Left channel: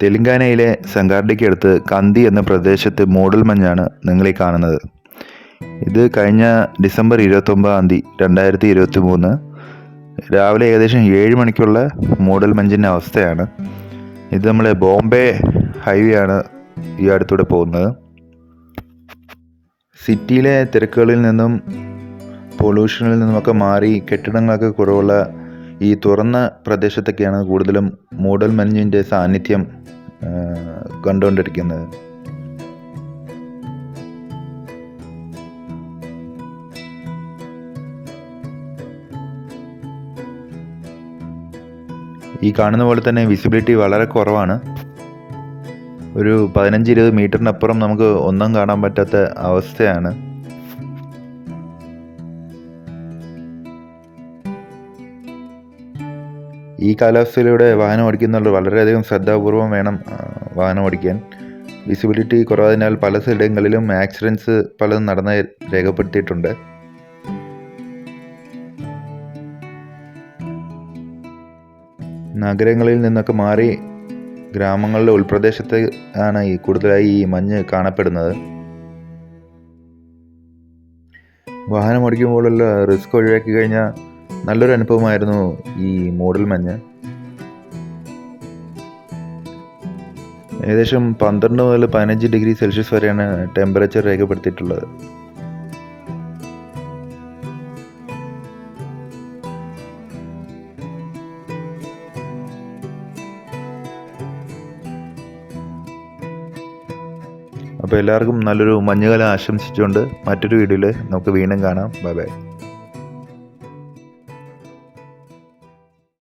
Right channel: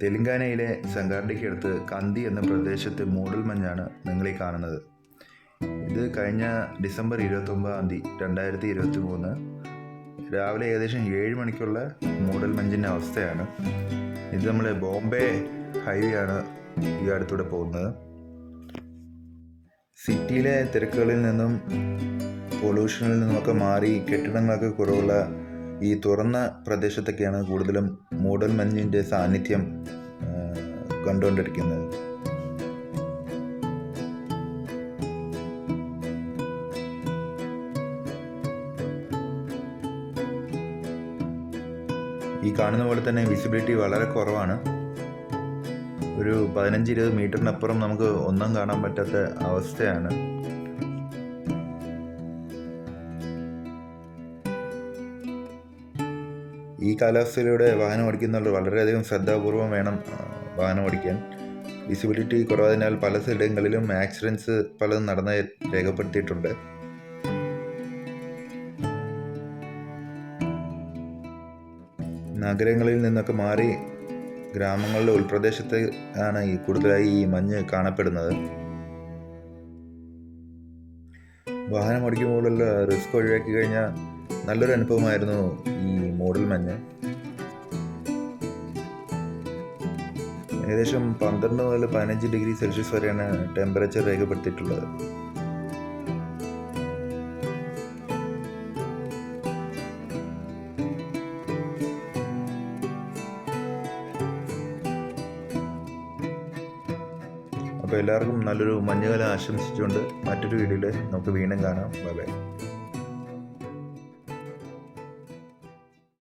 തെലങ്കാനയിലെ സംഗാർഡിക്കടുത്ത് കന്തി എന്ന പ്രദേശത്ത് മൂടൽമഞ്ഞാണ് നിങ്ങളീ കാണുന്നത്. ഇത് കഴിഞ്ഞ ഡിസംബർ 29 2023 രാവിലെ ഏകദേശം 7 മണിക്കുള്ള മൂടൽമഞ്ഞിൻ്റെ അവസ്ഥയാണ്. ഇത് നമ്മളെ ബോംബെ ഹൈവേ ആണ് ഈ അടുത്തൂടെ പോകുന്നത്. സിറ്റിയിലെ തിരക്കുകളിൽ നിന്നും പൊല്യൂഷനിൽ നിന്നുമൊക്കെ മാറി കെട്ടിടങ്ങളൊക്കെ കുറവുള്ള ഈ തുറന്ന പ്രദേശത്തൊക്കെയാണ് കൂടുതലും മൂടൽമഞ്ഞിൻ്റെ സാന്നിധ്യം കണ്ടുകൊണ്ടിരിക്കുന്നത്. ഈ കാണുന്ന പോലെ തന്നെ വിസിബിലിറ്റി വളരെ കുറവാണ്. ഒരു 15-20 മീറ്ററിനപ്പുറം നമുക്ക് ഒന്നും കാണാൻ പറ്റാത്ത അവസ്ഥയാണ്. ഈ കാലാവസ്ഥയിലൂടെ വാഹനം ഓടിക്കുന്നവർ വളരെയധികം ശ്രദ്ധാപൂർവം വേണം വാഹനം ഓടിക്കാൻ. വിസിബിലിറ്റി കുറവായതിനാൽ പല സ്ഥലങ്ങളിലും ആക്സിഡൻറ്റ്സ് പലതും നടന്ന് രേഖപ്പെടുത്തിയിട്ടുണ്ട്. നഗരങ്ങളിൽ നിന്നൊക്കെ മാറി ഗ്രാമങ്ങളുടെ ഉൾപ്രദേശത്ത് ആണ് കൂടുതലായി ഈ മഞ്ഞ് കാണപ്പെടുന്നത്. വാഹനം ഓടിക്കുമ്പോഴുള്ള റിസ്ക് ഒഴിവാക്കി കഴിഞ്ഞാൽ നല്ലൊരു അനുഭവമായിരുന്നു ഈ മൂടൽമഞ്ഞ്. ഏകദേശം 12 മുതൽ 15 ഡിഗ്രി സെൽഷ്യസ് വരെയാണ് ടെമ്പറേച്ചർ രേഖപ്പെടുത്തിയിട്ടുള്ളത്. അപ്പോൾ എല്ലാവർക്കും നല്ലൊരു മഞ്ഞുകാലം ആശംസിച്ചുകൊണ്ട് മറ്റൊരു വീഡിയോയിൽ നമുക്ക് വീണ്ടും കാണാം. Bye bye.